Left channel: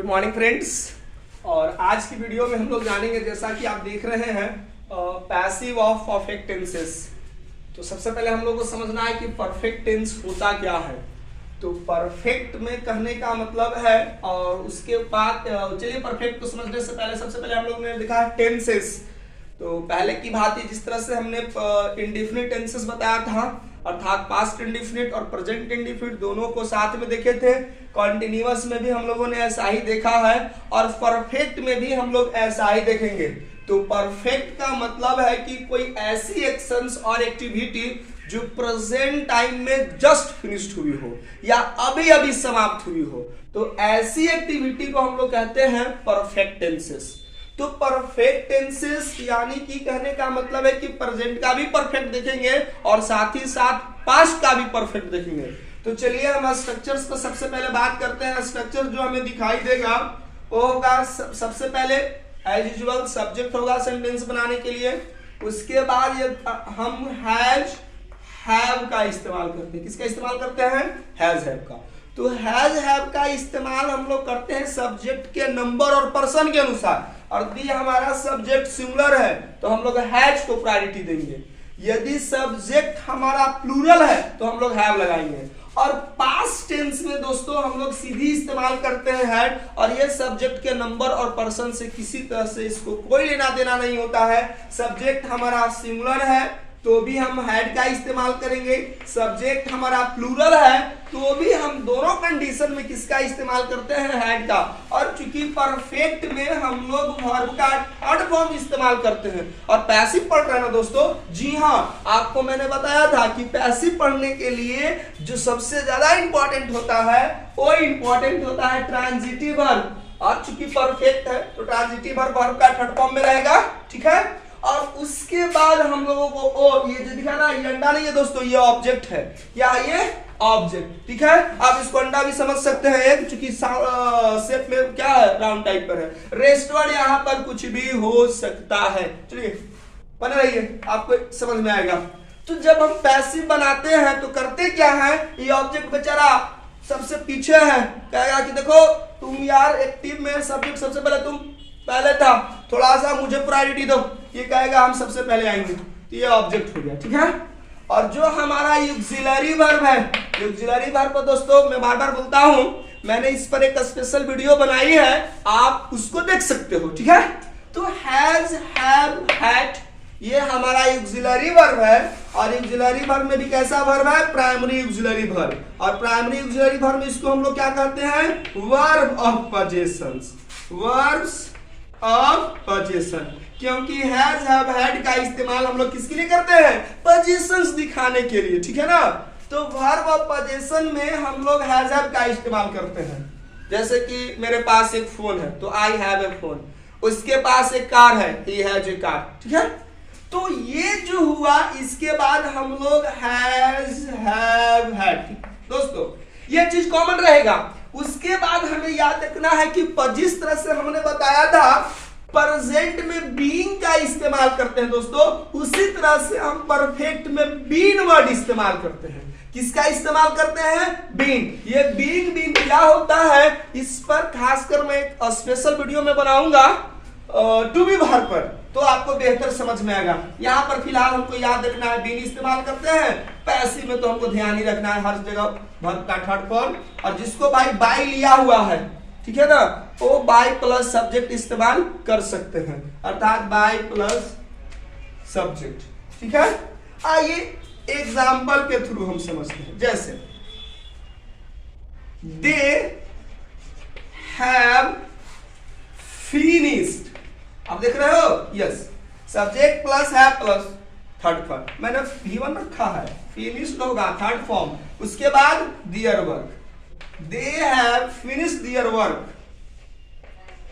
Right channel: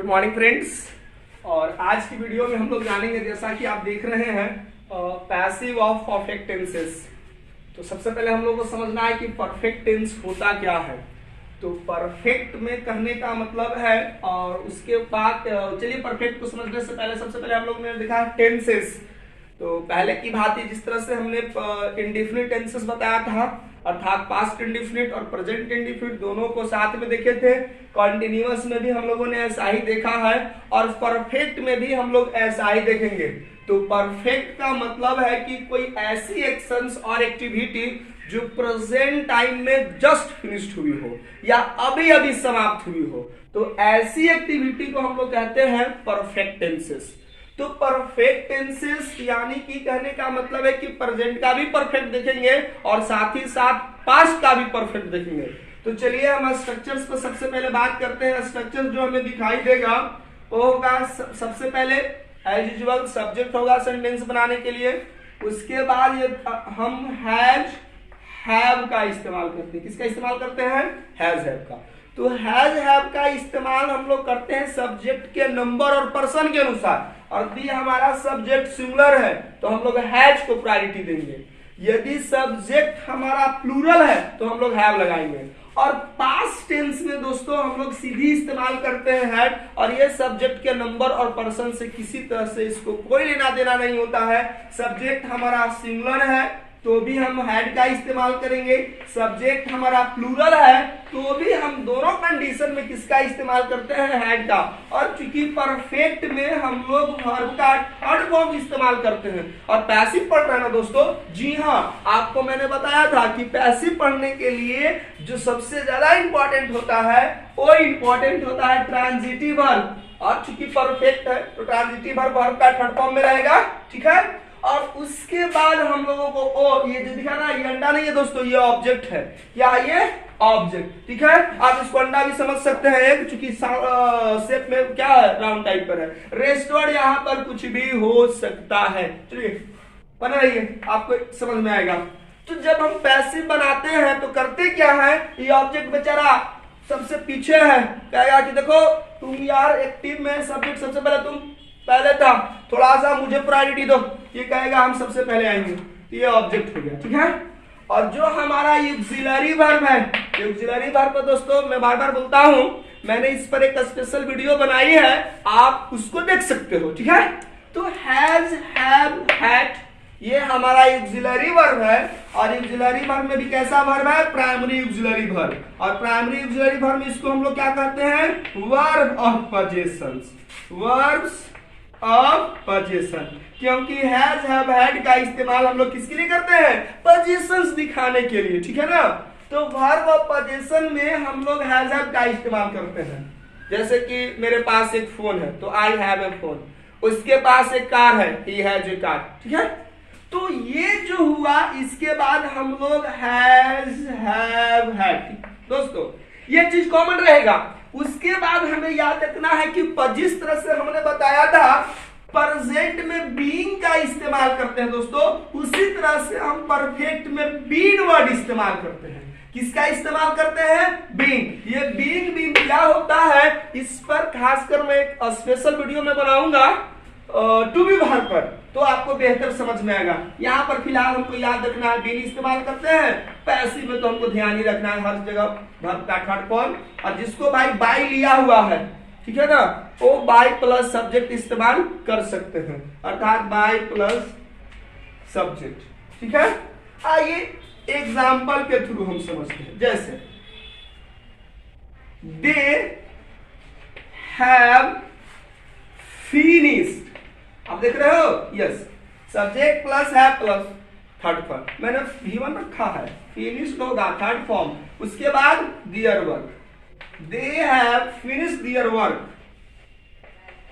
Good morning friends. और आज की वीडियो में हम लोग जानेंगे, जैसा कि आप देख रहे हैं, पैसिव ऑफ परफेक्ट टेंसेस। तो सबसे पहले हम लोग को समझना है कि परफेक्ट टेंस होता क्या है। तो परफेक्ट में कहने का मतलब है, और उसके बाद चलिए परफेक्ट को समझने से पहले सबसे पहले हम लोग ने देखा है टेंसेस। तो पहले की भांति जिस तरह से हमने इंडेफिनिट टेंसेस बताया था, अर्थात पास्ट इंडेफिनिट और प्रेजेंट इंडेफिनिट दोनों को साथ में देखे थे। कॉन्टिन्यूअस में भी हम लोगों ने ऐसा ही देखा है और परफेक्ट में भी हम लोग ऐसा ही देखेंगे। तो परफेक्ट का मतलब है कि कोई ऐसी एक्शंस और एक्टिविटी जो प्रेजेंट टाइम में जस्ट फिनिश्ड हुई हो या अभी अभी समाप्त हुई हो, तो ऐसी एक्टिविटी को हम लोग कहते हैं परफेक्ट टेंसेस। तो परफेक्ट टेंसेस यानी कि कहने का मतलब है कि प्रेजेंट का भी परफेक्ट देखेंगे और साथ ही साथ पास्ट का भी परफेक्ट देखेंगे। तो चलिए हम स्ट्रक्चर्स पर सबसे पहले बात करते हैं। स्ट्रक्चर जो हमें दिखाई देगा वो होगा सबसे पहले एज यूजुअल सब्जेक्ट होगा सेंटेंस बनाने के लिए। उसके बाद ये हम हैज हैव का इस्तेमाल करते हैं। किसका इस्तेमाल करते हैं? हैज हैव का। तो हैज हैव का इस्तेमाल हम लोग करते हैं सब्जेक्ट के नंबर और पर्सन के अनुसार। और यदि हमारा सब्जेक्ट सिंगुलर है तो हम लोग हैज को प्रायोरिटी देंगे। यदि सब्जेक्ट हमारा प्लूरल है तो हम लोग हैव लगाएंगे। और पास्ट टेंस में दोस्तों हम लोग सीधी इस्तेमाल करते हैं हैड, और ये सब्जेक्ट के नंबर और पर्सन से किसी तरह से इसको कोई लेना देना नहीं होता है। सब्जेक्ट हमारा सिंगुलर है तो भी हम हैड का इस्तेमाल करेंगे, सब्जेक्ट हमारा प्लूरल है तो भी हम दोनों कंडीशन में किसका इस्तेमाल करते हैं? हैड का। और चूंकि परफेक्ट में हम लोग वर्ब का थर्ड फॉर्म इस्तेमाल करते हैं। और पैसिव पढ़ रहे हैं ना दोस्तों? जी हाँ, आपको मैंने बताया था कि पैसिव पढ़ने के लिए जो सबसे ज्यादा इंपॉर्टेंट होता है वो इंपॉर्टेंट होता है ट्रांजिटिव वर्ब। और चूंकि परफेक्ट है तो ट्रांजिटिव वर्ब का थर्ड फॉर्म में रहेगा, ठीक है। और उसके बाद हम लोगों को ये जो दिखा ना, ये अंडा नहीं है दोस्तों, ये ऑब्जेक्ट है। क्या ये? ऑब्जेक्ट, ठीक है। आप इसको अंडा भी समझ सकते हैं, एक चूंकि शेप में क्या है, राउंड टाइप पर है। रेस्ट वर्ड यहाँ पर कुछ भी हो सकता है। चलिए बना रहिए, आपको समझ में आएगा। तो जब हम पैसिव बनाते हैं तो करते क्या है, ये ऑब्जेक्ट बेचारा सबसे पीछे है, कहेगा कि देखो तुम यार एक्टिव में सब्जेक्ट सबसे पहले तुम पहले था, थोड़ा सा मुझे प्रायोरिटी दो, ये कहेगा हम सबसे पहले आएंगे। तो ये ऑब्जेक्ट हो गया, ठीक है। और जो हमारा ऑक्सिलरी वर्ब है, ऑक्सिलरी वर्ब पर दोस्तों मैं बार बार बोलता हूं, मैंने इस पर एक स्पेशल वीडियो बनाई है, आप उसको देख सकते हो, ठीक है। तो हैज हैव हैड ये हमारा ऑक्सिलरी वर्ब है। और ऑक्सिलरी वर्ब में भी कैसा वर्ब है? Primary auxiliary verb. और प्राइमरी ऑक्सिलरी वर्ब में इसको हम लोग क्या कहते हैं? Verb of possessions, verbs of position. क्योंकि हैज हैव हैड का इस्तेमाल हम लोग किसके लिए करते हैं? पोजीशंस दिखाने के लिए, ठीक है ना। तो वर्ब ऑफ पोजीशन में हम लोग हैज हैव का इस्तेमाल करते हैं। जैसे कि मेरे पास एक फोन है तो आई हैव ए फोन, उसके पास एक कार है, ही हैज ए कार, ठीक है। तो ये जो हुआ, इसके बाद हम लोग हैज हैव हैड। दोस्तों ये चीज कॉमन रहेगा। उसके बाद हमें याद रखना है कि जिस तरह से हमने बताया था प्रेजेंट में बीइंग का इस्तेमाल करते हैं दोस्तों, उसी तरह से हम परफेक्ट में बीन वर्ड इस्तेमाल करते हैं। किसका इस्तेमाल करते हैं? बीन। ये बीन क्या होता है, इस पर खासकर मैं एक स्पेशल वीडियो में बनाऊंगा टू बी वर्ब पर, तो आपको बेहतर समझ में आएगा। यहाँ पर फिलहाल हमको याद रखना है बीन इस्तेमाल करते हैं। पैसिव में तो हमको ध्यान ही रखना है हर जगह वर्ब का थर्ड फॉर्म। और जिसको भाई बाय लिया हुआ है, ठीक है ना, वो बाय प्लस सब्जेक्ट इस्तेमाल कर सकते हैं, अर्थात बाय प्लस सब्जेक्ट, ठीक है। आइए एग्जाम्पल के थ्रू हम समझते हैं। जैसे दे हैव फिनिश्ड, आप देख रहे हो, यस, सब्जेक्ट प्लस है प्लस थर्ड फॉर्म, मैंने V1 रखा है, फिनिश्ड होगा थर्ड फॉर्म। उसके बाद their work, they have finished their work,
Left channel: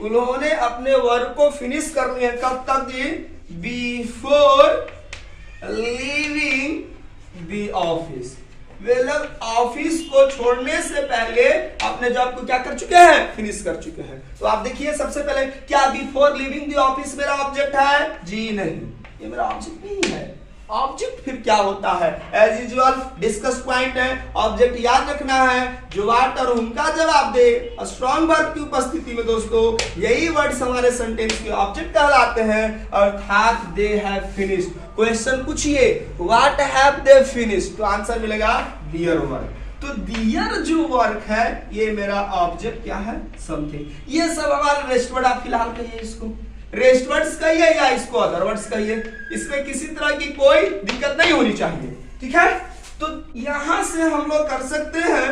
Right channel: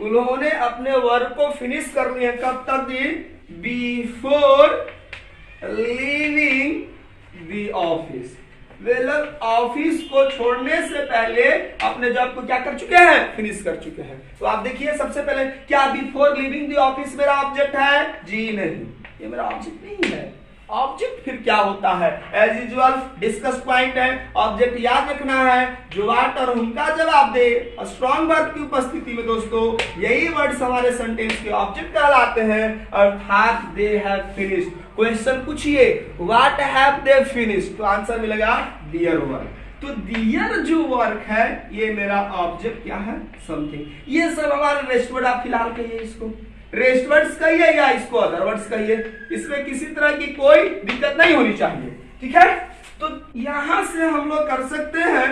उन्होंने अपने वर्क को फिनिश कर लिया। कब तक दी? बिफोर लीविंग द ऑफिस, वे लोग ऑफिस को छोड़ने से पहले अपने जॉब को क्या कर चुके हैं? फिनिश कर चुके हैं। तो आप देखिए सबसे पहले, क्या बिफोर लिविंग द ऑफिस मेरा ऑब्जेक्ट है? जी नहीं, ये मेरा ऑब्जेक्ट नहीं है। ऑब्जेक्ट फिर क्या होता है? एज यूजुअल डिस्कस पॉइंट है, ऑब्जेक्ट याद रखना है, जो वाट और हुम का जवाब दे स्ट्रॉन्ग वर्ब की उपस्थिति में दोस्तों, यही वर्ड्स हमारे सेंटेंस के ऑब्जेक्ट कहलाते हैं, अर्थात दे हैव फिनिश्ड। क्वेश्चन पूछिए व्हाट हैव दे फिनिश्ड, तो आंसर मिलेगा देयर वर्क। तो दियर जो वर्क है ये मेरा ऑब्जेक्ट क्या है? समथिंग। ये सब हमारे रेस्ट वर्ड, आप फिलहाल कहिए इसको रेस्ट वर्ड्स कहिए या इसको अदर वर्ड्स कहिए, इसमें किसी तरह की कोई दिक्कत नहीं होनी चाहिए, ठीक है। तो यहां से हम लोग कर सकते हैं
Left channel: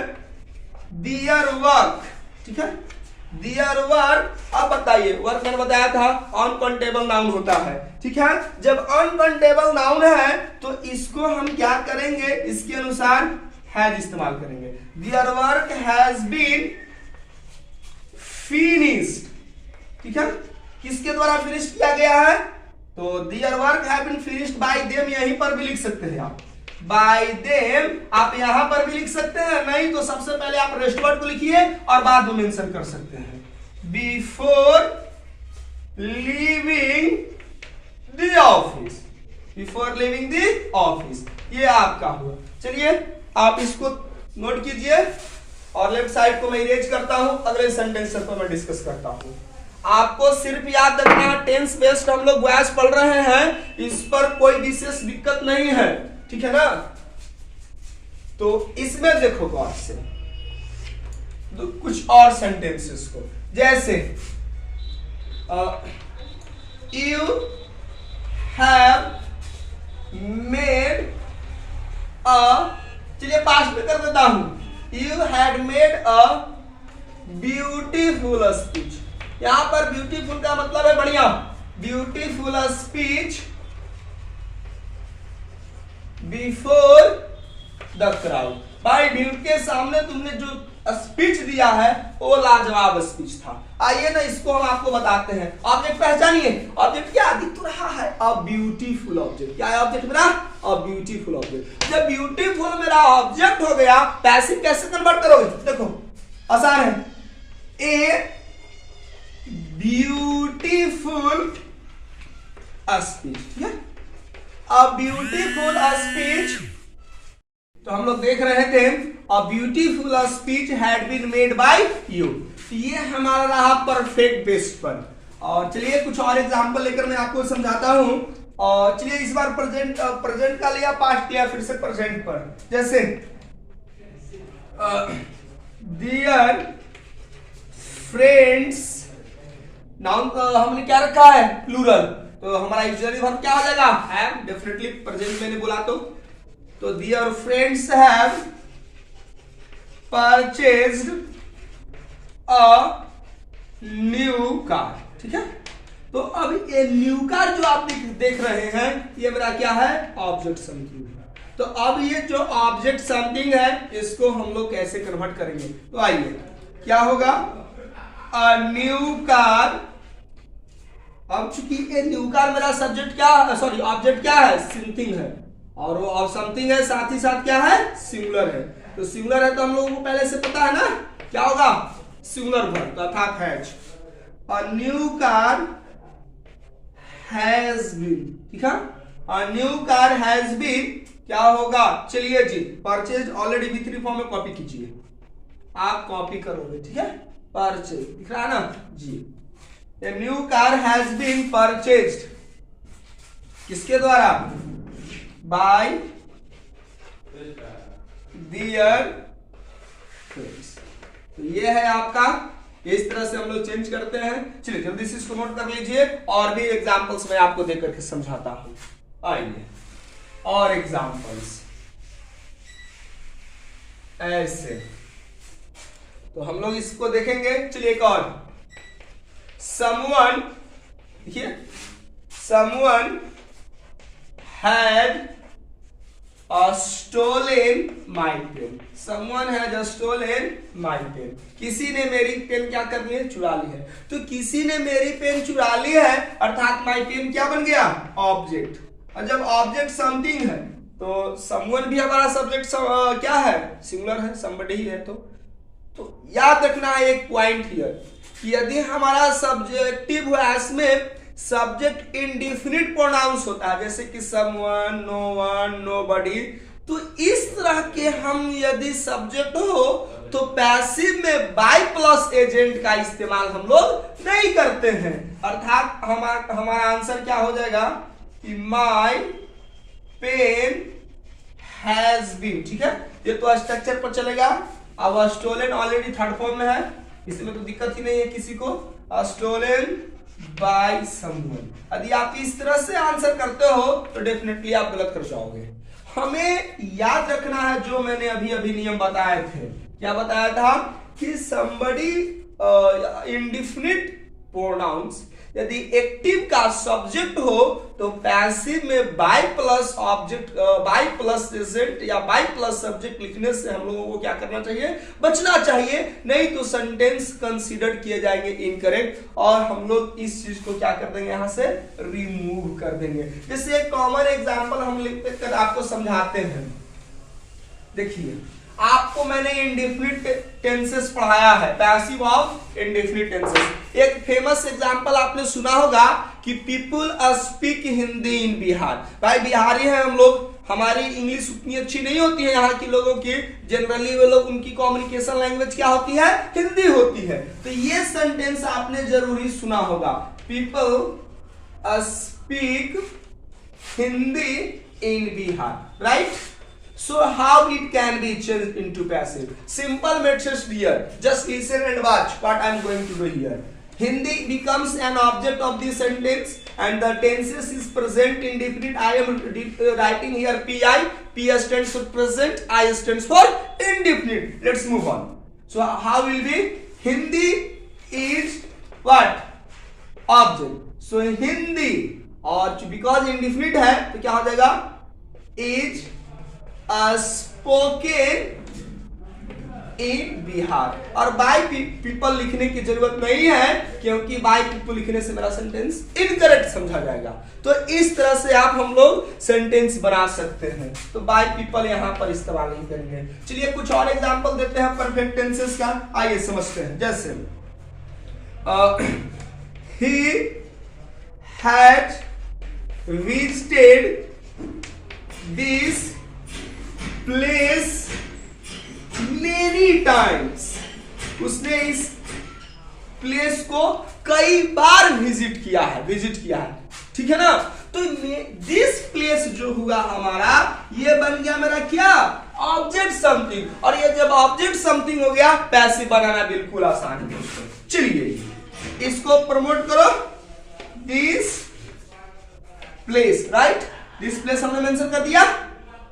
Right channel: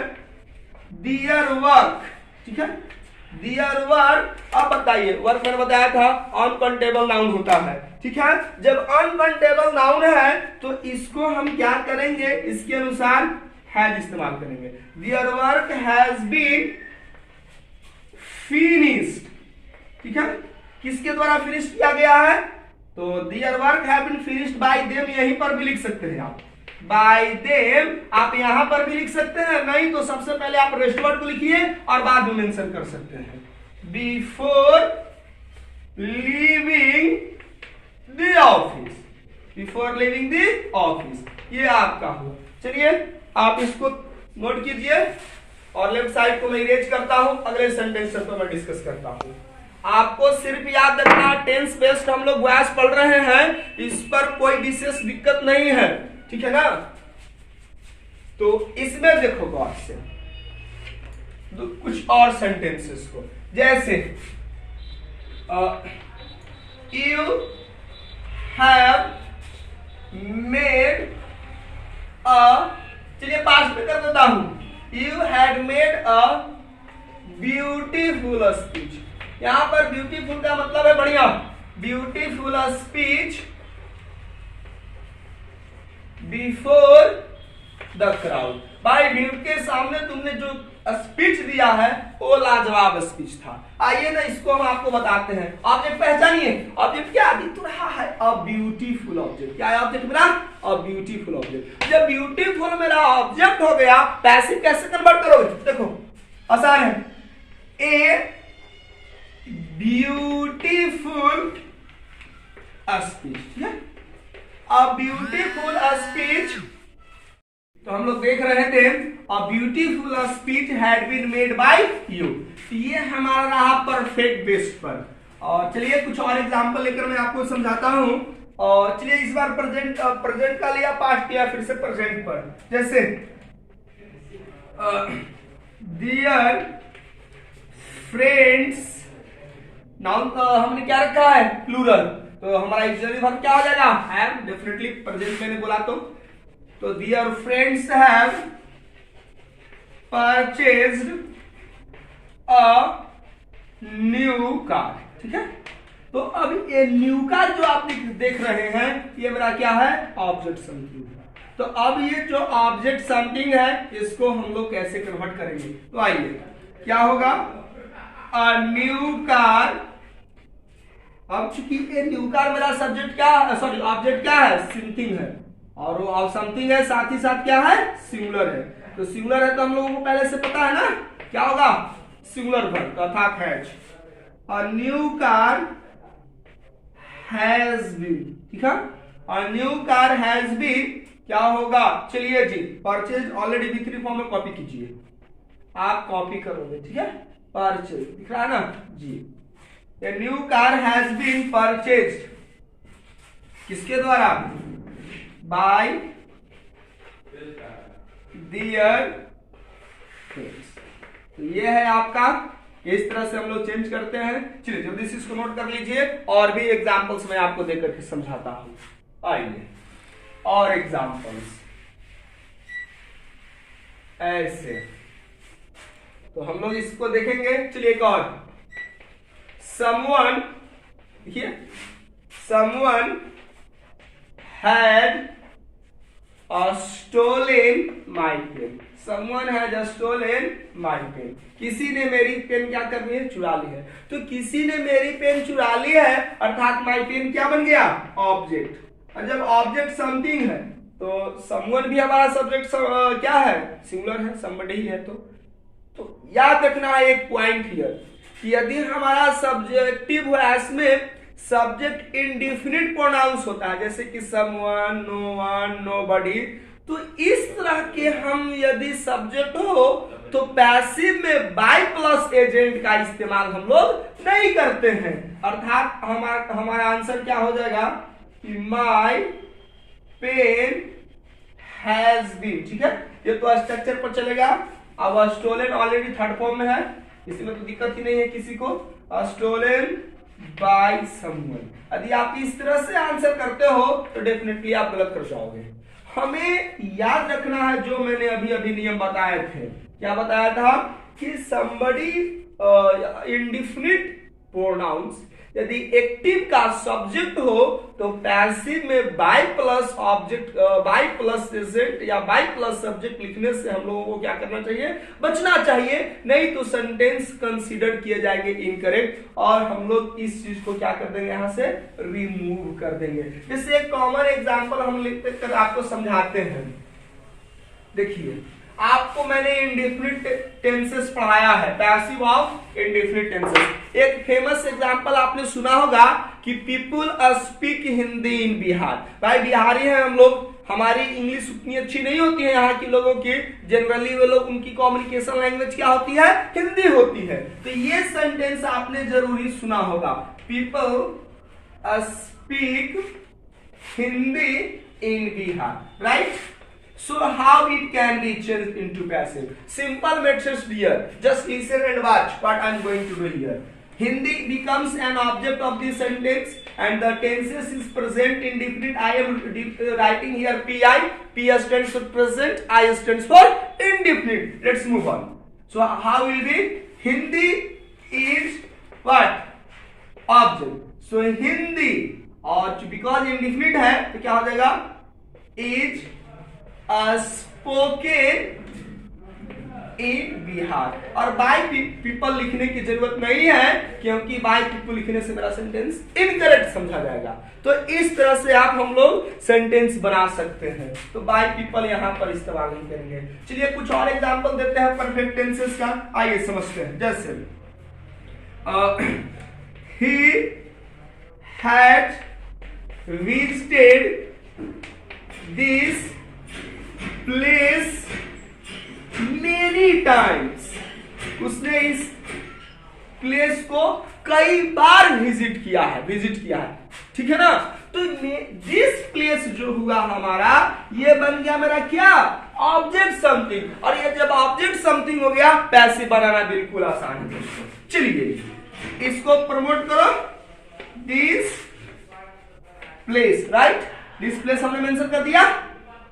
दियर वर्क, ठीक है, दियर वर्क। अब बताइए, वर्क मैंने बताया था अनकाउंटेबल नाउन होता है, ठीक है। जब अनकाउंटेबल नाउन है तो इसको हम क्या करेंगे, इसके अनुसार हैज इस्तेमाल करेंगे। Their work has been finished, ठीक है, किसके द्वारा फिनिश किया गया है? तो their work have been finished by them, यहीं पर भी लिख सकते हैं आप, बाय देम आप यहां पर भी लिख सकते हैं, नहीं तो सबसे पहले आप रेस्ट वर्ड को लिखिए और बाद में मेंशन कर सकते हैं। Before leaving the office, before leaving the office, ये आपका हुआ। चलिए आप इसको नोट कीजिए और लेफ्ट साइड को मैं इरेज करता हूं, अगले सेंटेंस पर मैं डिस्कस करता हूं। आपको सिर्फ याद रखना टेंस बेस्ड हम लोग वॉइस पढ़ रहे हैं, इस पर कोई विशेष दिक्कत नहीं है, ठीक है ना। तो इसमें देखो गौर से तो कुछ और सेंटेंसेस को, जैसे यू हैव मेड अ, चलिए पास्ट में कर देता हूं, you had made a beautiful speech. यहां पर ब्यूटीफुल का मतलब है बढ़िया, beautiful speech before the crowd. भाई भीड़ के सामने तुमने जो स्पीच दिया है वो लाजवाब स्पीच था। आइए ना इसको हम आपको बताते हैं। ऑब्जेक्ट पहचानिए, ऑब्जेक्ट क्या दिख रहा है? A beautiful object. क्या है ऑब्जेक्ट मेरा? A beautiful object. जब ब्यूटीफुल मेरा ऑब्जेक्ट हो गया, पैसिव कैसे कन्वर्ट करोगे? देखो आसान है, ए ब्यूटीफुल स्पीच, ठीक है, अ ब्यूटीफुल स्पीच। तो हम लोग देख रहे थे a beautiful speech had been made by you, ये हमारा रहा परफेक्ट बेस पर। और चलिए कुछ और एग्जांपल लेकर मैं आपको समझाता हूं। और चलिए इस बार प्रेजेंट का लिया, पास्ट किया, फिर से प्रेजेंट पर। जैसे डियर फ्रेंड्स, नाउन हमने क्या रखा है? प्लूरल, तो हमारा ऑक्सिलरी वर्ब क्या हो जाएगा? हैव। डेफिनेटली प्रेजेंट मैंने बोला तो dear friends have purchased a new car, ठीक है। तो अब ये न्यू कार जो आप देख रहे हैं ये मेरा क्या है? ऑब्जेक्ट समथिंग है। तो अब ये जो ऑब्जेक्ट समथिंग है इसको हम लोग कैसे कन्वर्ट करेंगे? तो आइए क्या होगा? अ न्यू कार। अब चूंकि ये न्यू कार मेरा सब्जेक्ट क्या, सॉरी ऑब्जेक्ट क्या है? समथिंग है, और वो समथिंग है साथ ही साथ क्या है? सिंगुलर है। तो सिंगुलर है तो हम लोगों को पहले से पता है ना क्या होगा? सिंगुलर वर्ब अर्थात has. A new car has been, ठीक है, a new car has been क्या होगा? चलिए जी, परचेज ऑलरेडी B3 फॉर्म में कॉपी कीजिए, आप कॉपी करोगे, ठीक है। परचेज दिख रहा है ना जी। A new car has been purchased किसके द्वारा? By their friends। तो ये है आपका, इस तरह से हम लोग चेंज करते हैं। चलिए जल्दी से इसको नोट कर लीजिए और भी एग्जांपल्स मैं आपको देकर के समझाता हूं। आइए और एग्जांपल्स ऐसे, तो हम लोग इसको देखेंगे। चलिए एक और, someone here, someone had stolen my pen, someone had stolen my pen। किसी ने मेरी पेन क्या कर ली है? चुरा ली है। तो किसी ने मेरी पेन चुरा ली है अर्थात my pen क्या बन गया? ऑब्जेक्ट। और जब ऑब्जेक्ट समथिंग है तो someone भी हमारा सब्जेक्ट क्या है? सिंगुलर है, somebody है। तो याद रखना है एक पॉइंट हियर कि यदि हमारा सब्जेक्टिव वॉइस में सब्जेक्ट इंडिफिनिट प्रोनाउंस होता है, जैसे कि समवन, नो वन, नोबडी, तो इस तरह के हम यदि सब्जेक्ट हो तो पैसिव में बाय प्लस एजेंट का इस्तेमाल हम लोग नहीं करते हैं। अर्थात हमारा आंसर क्या हो जाएगा कि माय पेन हैज बीन। ठीक है, ये तो स्ट्रक्चर पर चलेगा। अब स्टोलन ऑलरेडी थर्ड फॉर्म में है, इसमें तो दिक्कत ही नहीं है किसी को। स्टोलन बाय समवन, यदि आप इस तरह से आंसर करते हो तो डेफिनेटली आप गलत कर जाओगे। हमें याद रखना है जो मैंने अभी अभी नियम बताए थे। क्या बताया था कि somebody इंडिफिनिट प्रोनाउंस यदि एक्टिव का सब्जेक्ट हो तो पैसिव में by plus object, by plus agent या बाय प्लस सब्जेक्ट लिखने से हम लोगों को क्या करना चाहिए, बचना चाहिए, नहीं तो सेंटेंस कंसीडर किए जाएंगे इनकरेक्ट और हम लोग इस चीज को क्या कर देंगे, यहां से रिमूव कर देंगे। जैसे एक कॉमन एग्जांपल हम लिखकर आपको समझाते हैं। देखिए, आपको मैंने इंडेफिनिट टेंसेस पढ़ाया है, पैसिव ऑफ इंडेफिनिट टेंसेस। एक फेमस एग्जांपल आपने सुना होगा कि पीपल स्पीक हिंदी इन बिहार। भाई बिहारी हैं हम लोग, हमारी इंग्लिश उतनी अच्छी नहीं होती है यहाँ के लोगों की, जनरली वे लोग, उनकी कम्युनिकेशन लैंग्वेज क्या होती है, हिंदी होती है। तो ये सेंटेंस आपने जरूरी सुना होगा, people speak Hindi in Bihar, right? So how it can be changed into passive? Simple methods here. Just listen and watch what I am going to do here. Hindi becomes an object of this sentence and the tenses is present indefinite. I am writing here PI. P stands for present. I stands for indefinite. Let's move on. So how will be? Hindi is what? Object. So Hindi और because indefinite है तो क्या हो जाएगा? Is spoken in Bihar. और by people लिखने की जरूरत नहीं है क्योंकि बाय पीपल लिखने से मेरा सेंटेंस इनकरेक्ट समझा जाएगा। तो इस तरह से आप हम लोग सेंटेंस बना सकते हैं। तो बाय पीपल यहां पर इस्तेमाल नहीं करेंगे। चलिए कुछ और एग्जांपल देते हैं परफेक्ट टेंसेस का, आइए समझते हैं। जैसे he had visited this place many times, उसने इस प्लेस को कई बार विजिट किया है, ठीक है ना? तो दिस प्लेस जो हुआ हमारा, ये बन गया मेरा क्या, ऑब्जेक्ट समथिंग। और ये जब ऑब्जेक्ट समथिंग हो गया, पैसिव बनाना बिल्कुल आसान है दोस्तों। चलिए इसको प्रमोट करो, this place, right? This place हमने मेंशन कर दिया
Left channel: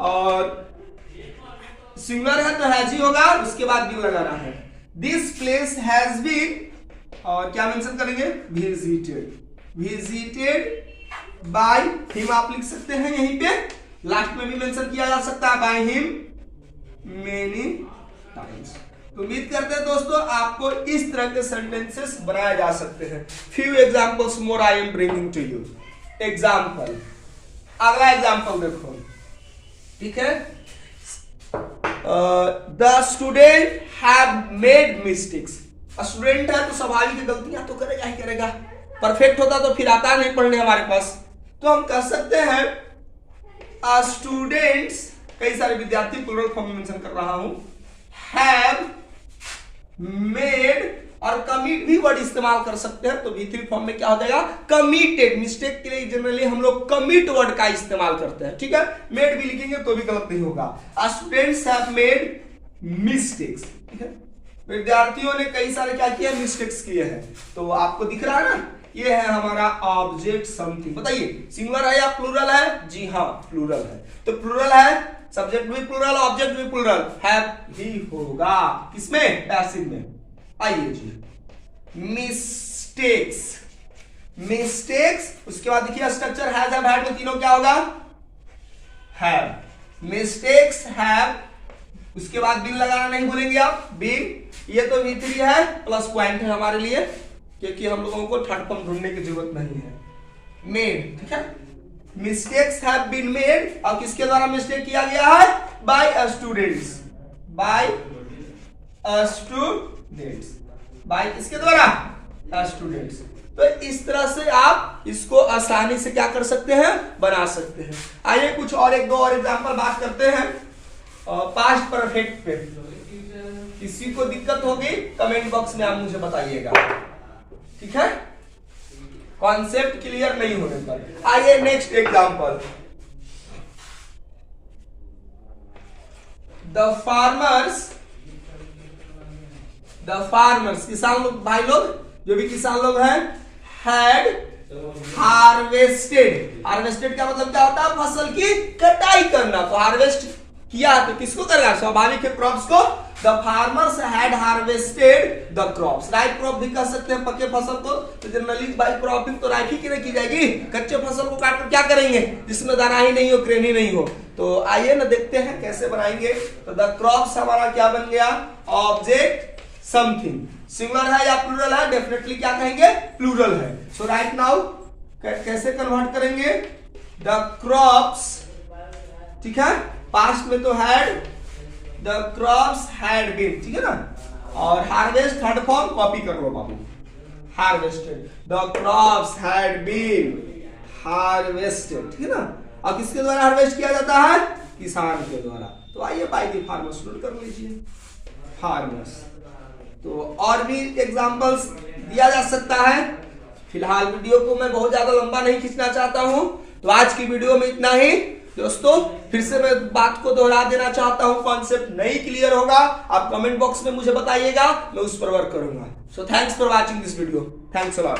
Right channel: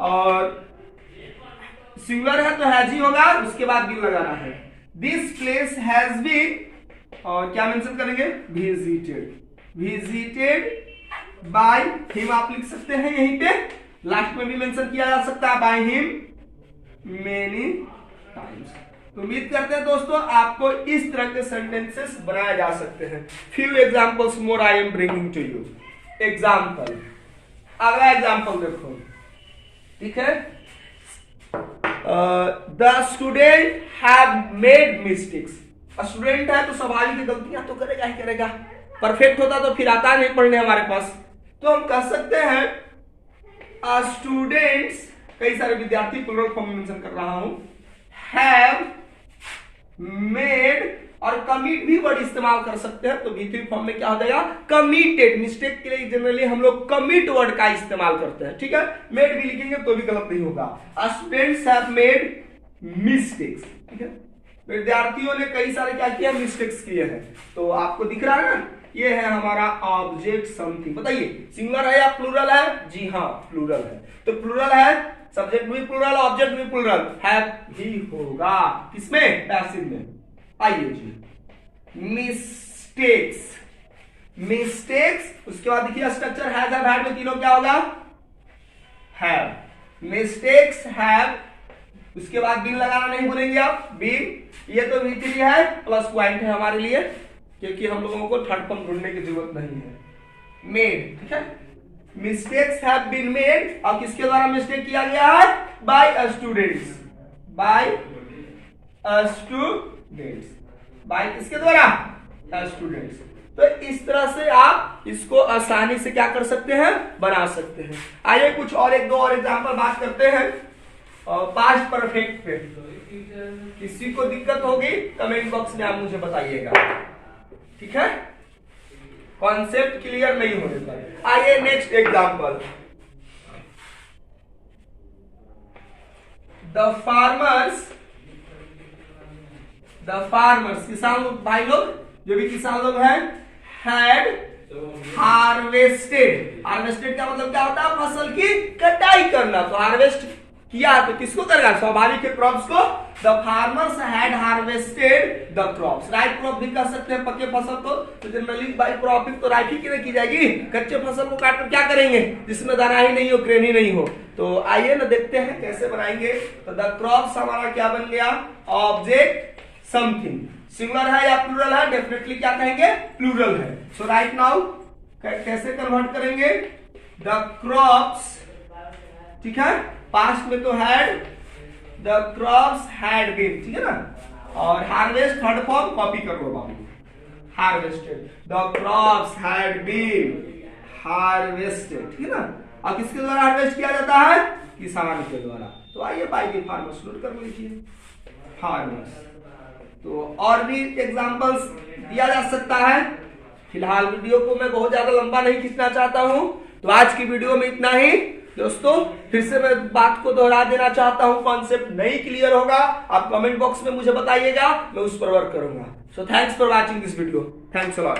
और सिंगुलर है तो हैज ही होगा, उसके बाद भी लगाना है। दिस प्लेस हैज बीन और क्या मेंशन करेंगे, विजिटेड बाय हिम। आप लिख सकते हैं यहीं पे, लास्ट में भी मेंशन किया जा सकता है बाय हिम मेनी टाइम्स। तो उम्मीद करते हैं दोस्तों आपको इस तरह के सेंटेंसेस बनाए जा सकते हैं। Few examples more I am bringing to you. Example, अगला एग्जांपल देखो, ठीक है। The student have made mistakes. Student है तो स्वाभाविक गलतियां तो करेगा ही करेगा। परफेक्ट होता तो फिर आता नहीं पढ़ने हमारे पास। तो हम कह सकते हैं स्टूडेंट्स, कई सारे विद्यार्थी प्लूरल फॉर्म में मेंशन कर रहा हूं, हैव मेड, और कमिट भी वर्ड इस्तेमाल कर सकते हैं। तो V3 फॉर्म में क्या हो जाएगा, कमिटेड। मिस्टेक के लिए जनरली हम लोग कमिट वर्ड का इस्तेमाल करते हैं, ठीक है। मेड भी लिखेंगे तो भी गलत नहीं होगा। स्टूडेंट्स हैव मेड मिस्टेक्स, ठीक है। विद्यार्थियों ने कई सारे क्या किया, मिस्टेक्स किए हैं। तो आपको दिख रहा है ना, ये है हमारा ऑब्जेक्ट समथिंग। बताइए सिंगुलर है या प्लूरल है? जी हाँ प्लूरल है। तो प्लूरल है, सब्जेक्ट भी प्लूरल, ऑब्जेक्ट भी प्लूरल, हैव ही होगा किसमें, पैसिव में। आइए जी, मिस्टेक्स, मिस्टेक्स, उसके बाद देखिए स्ट्रक्चर हैज हैव हैड में तीनों क्या होगा, हैव। मिस्टेक्स हैव, उसके बाद बिन लगाना नहीं भूलेंगे आप, बिन। ये तो V3 है, प्लस पॉइंट है हमारे लिए क्योंकि हम लोगों को थर्ड फॉर्म ढूंढने की जरूरत नहीं है। मेड, ठीक है। मिस्टेक्स हैव बीन मेड, और किसके द्वारा मिस्टेक किया गया है, by students, by students, by किसके द्वारा, स्टूडेंट्स। तो इस तरह से आप इसको आसानी से क्या कर सकते हैं, बना सकते हैं। आइए कुछ और एक दो और एग्जांपल बात करते हैं पास्ट परफेक्ट पे। किसी को दिक्कत होगी कमेंट बॉक्स में आप मुझे बताइएगा, ठीक है, कॉन्सेप्ट क्लियर नहीं होने पर। आइए नेक्स्ट एग्जांपल, द फार्मर्स किसान लोग, भाई लोग जो भी किसान लोग हैं, हैड हार्वेस्टेड का मतलब क्या होता है, फसल की कटाई करना। तो हार्वेस्ट किया तो किसको करेगा, स्वाभाविक है क्रॉप्स को। The farmers had harvested the crops, right crop भी कह सकते हैं पक्के फसल को। तो जनरली बाय क्रॉपिंग तो राइट ही की जाएगी, कच्चे फसल को काटकर क्या करेंगे जिसमें दाना ही नहीं हो, ग्रेन ही नहीं हो। तो आइए ना देखते हैं कैसे बनाएंगे। तो द क्रॉप्स हमारा क्या बन गया, ऑब्जेक्ट समथिंग, सिंगुलर है या प्लूरल है, डेफिनेटली क्या कहेंगे, प्लूरल है। सो राइट नाउ कैसे कन्वर्ट करेंगे, द क्रॉप्स, ठीक है, पास्ट में तो had, the crops had been, ठीक है ना, और हार्वेस्ट थर्ड फॉर्म कॉपी कर लो बाबू, harvested, the crops had been harvested, ठीक है ना। अब किसके द्वारा हार्वेस्ट किया जाता है, किसान के द्वारा। तो आइए बाय द फार्मर्स नोट कर लीजिए, फार्मर्स। तो और भी एग्जांपल्स दिया जा सकता है। फिलहाल वीडियो को मैं बहुत ज्यादा लंबा नहीं खींचना चाहता हूं, तो आज की वीडियो में इतना ही दोस्तों। फिर से मैं बात को दोहरा देना चाहता हूं, कॉन्सेप्ट नहीं क्लियर होगा आप कमेंट बॉक्स में मुझे बताइएगा, मैं उस पर वर्क करूंगा। So thanks for watching this video, thanks a lot.